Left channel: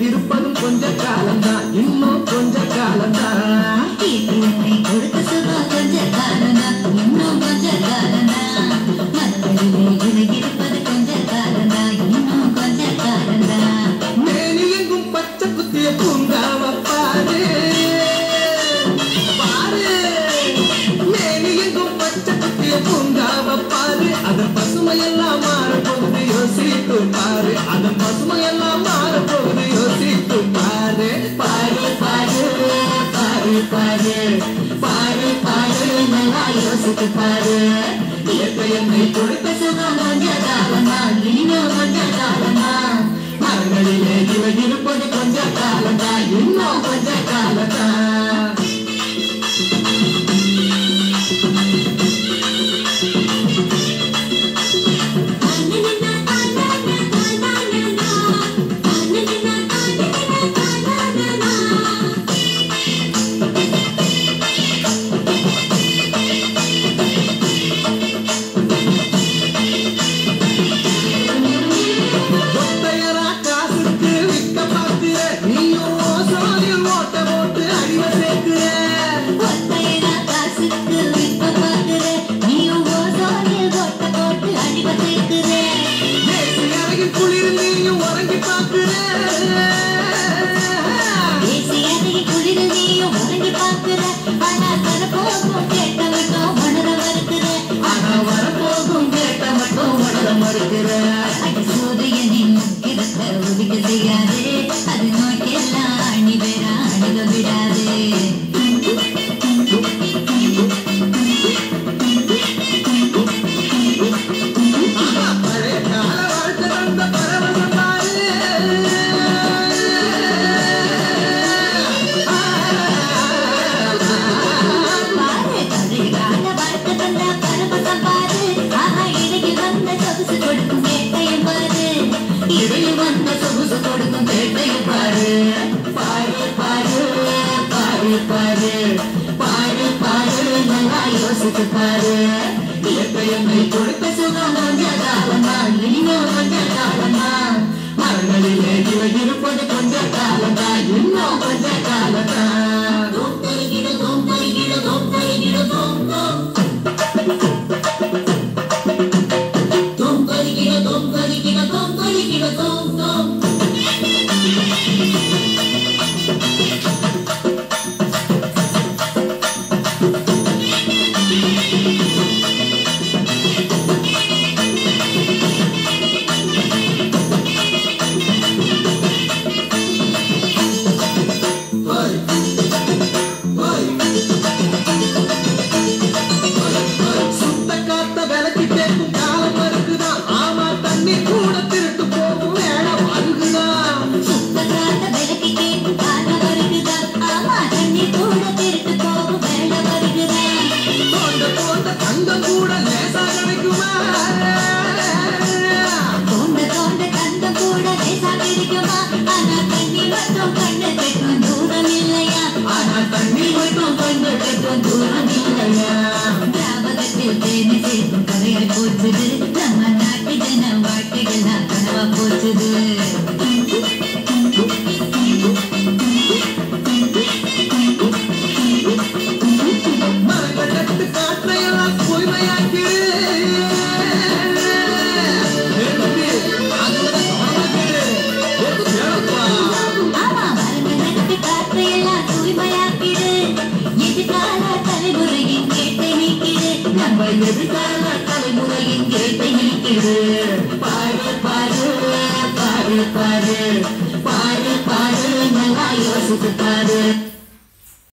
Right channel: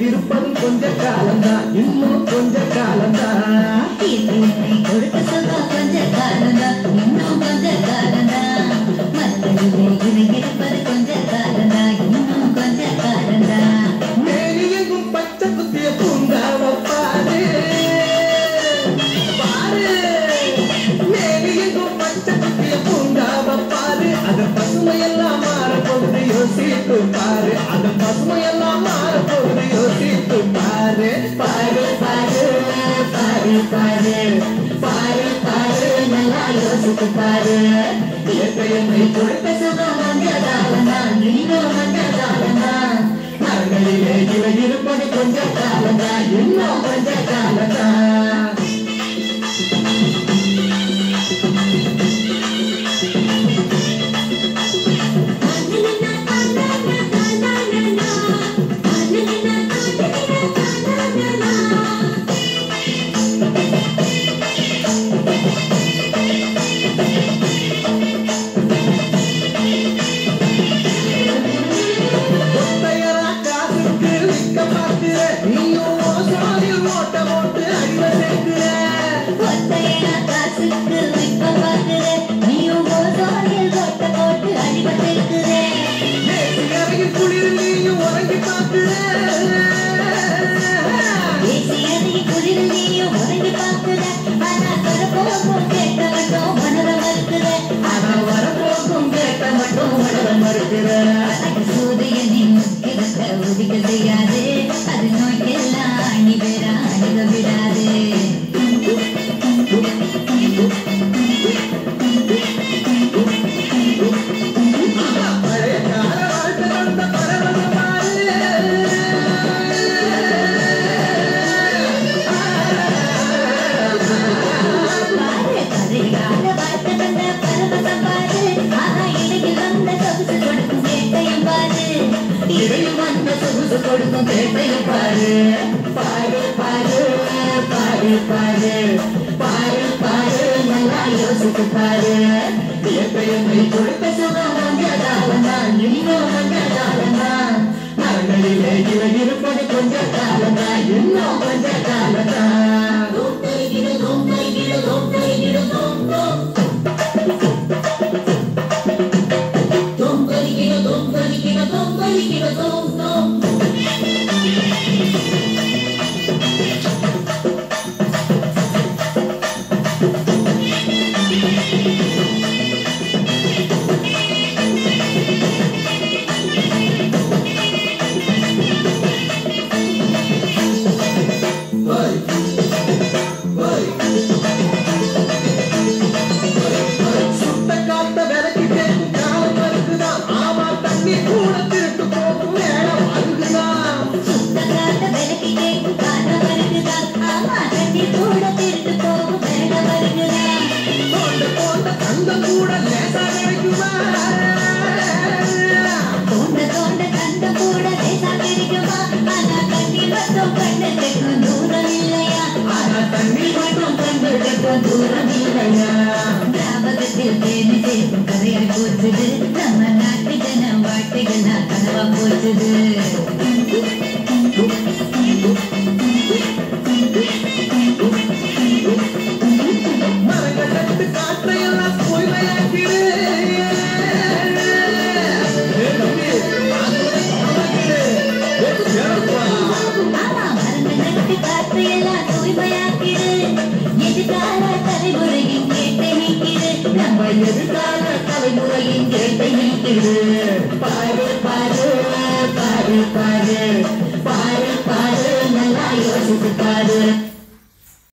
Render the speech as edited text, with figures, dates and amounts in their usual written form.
இருப்பது கொஞ்ச காலம்தான், இன்னும் கொஞ்ச காலம்தான். கொடுத்த சுகம் கொஞ்ச காலம்தான், இன்னும் கொஞ்ச காலம்தான். மற்றவில்லை இருப்பது கொஞ்ச காலம்தான், இன்னும் கொஞ்ச காலம்தான். மேனி எங்கும் பச்சை குத்திய பூங்காவ பாரு பாரு, மேனி எங்கும் பச்சை குத்திய பூங்காவ பாரு. அதன் பசுமையெல்லாம் மாறப்போகுது யோசித்து பாரு, அதன் பசுமையெல்லாம் மாறப்போகுது யோசித்து பாரு. பாரு பாரு பாரு பாரு பாரு பாரு, நல்லா யோசித்து பாரு. இயற்கையை கொடுத்த சுகம் கொஞ்ச காலம்தான், இன்னும் கொஞ்ச காலம்தான். மரங்களிலே இலை இருப்பது கொஞ்ச காலம்தான், இன்னும் கொஞ்ச காலம்தான். பாரு பாரு பாரு, நல்லா யோசித்து பாரு.